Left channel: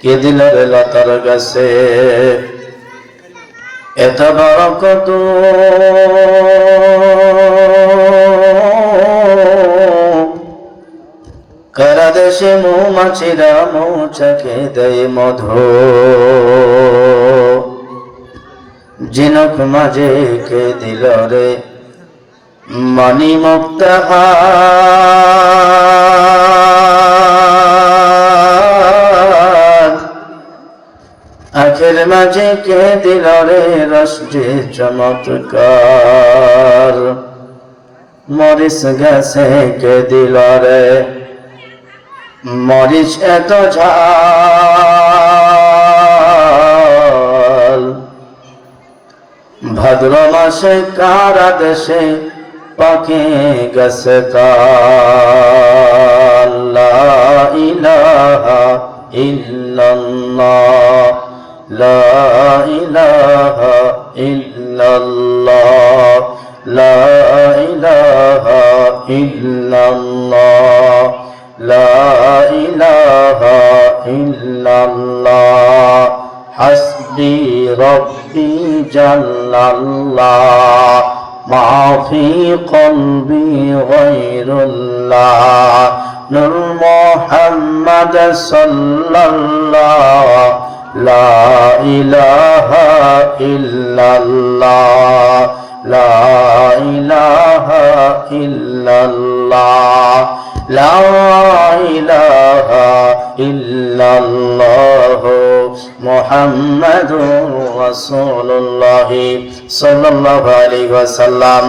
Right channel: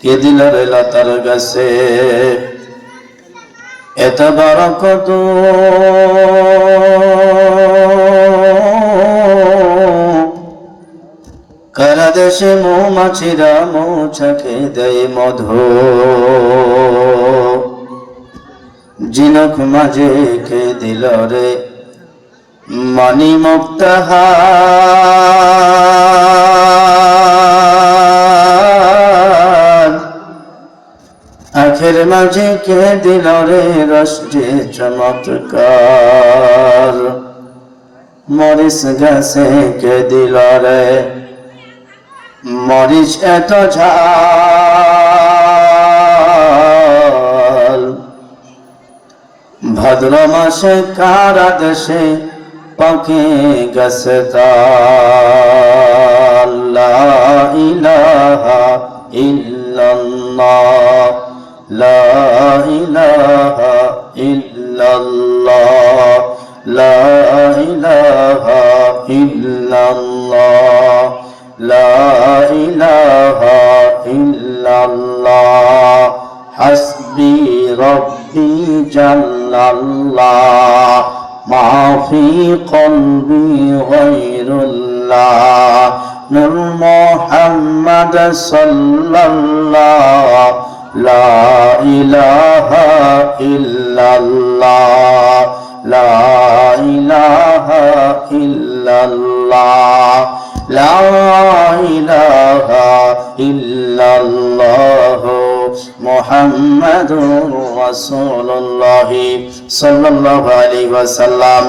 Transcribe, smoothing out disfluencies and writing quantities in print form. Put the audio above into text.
কে দিল রে লতার গাছে এত বরকত কারা দেশে মৌমাছিরা মৌচাকে দেয় মধু জিনক মাঝে কে দিল রে মণি মুক্তাহার আখের মাঝে কে দিল রে রস যে চমৎকার মরিচ গাছে কে দিল রে মরিচ এত ঝাল ভাদ্র মাসে কারা দেশে পাখি গেছে তাল লা ইলাহা ইল্লাল্লাহ লা ইলাহা ইল্লাল্লাহ লা ইলাহা ইল্লাল্লাহ লা ইলাহা ইল্লাল্লাহ হাসবি রব্বি জাল্লাল্লাহ মা ফি কলবি গায়রুল্লাহ নূর মুহাম্মদ সাল্লাল্লাহ লা ইলাহা ইল্লাল্লাহ লা ইলাহা ইল্লাল্লাহ লা ইলাহা ইল্লাল্লাহ মুহাম্মাদুর রাসূলুল্লাহ সাল্লাল্লাহু আলাইহি ওয়াসাল্লাম।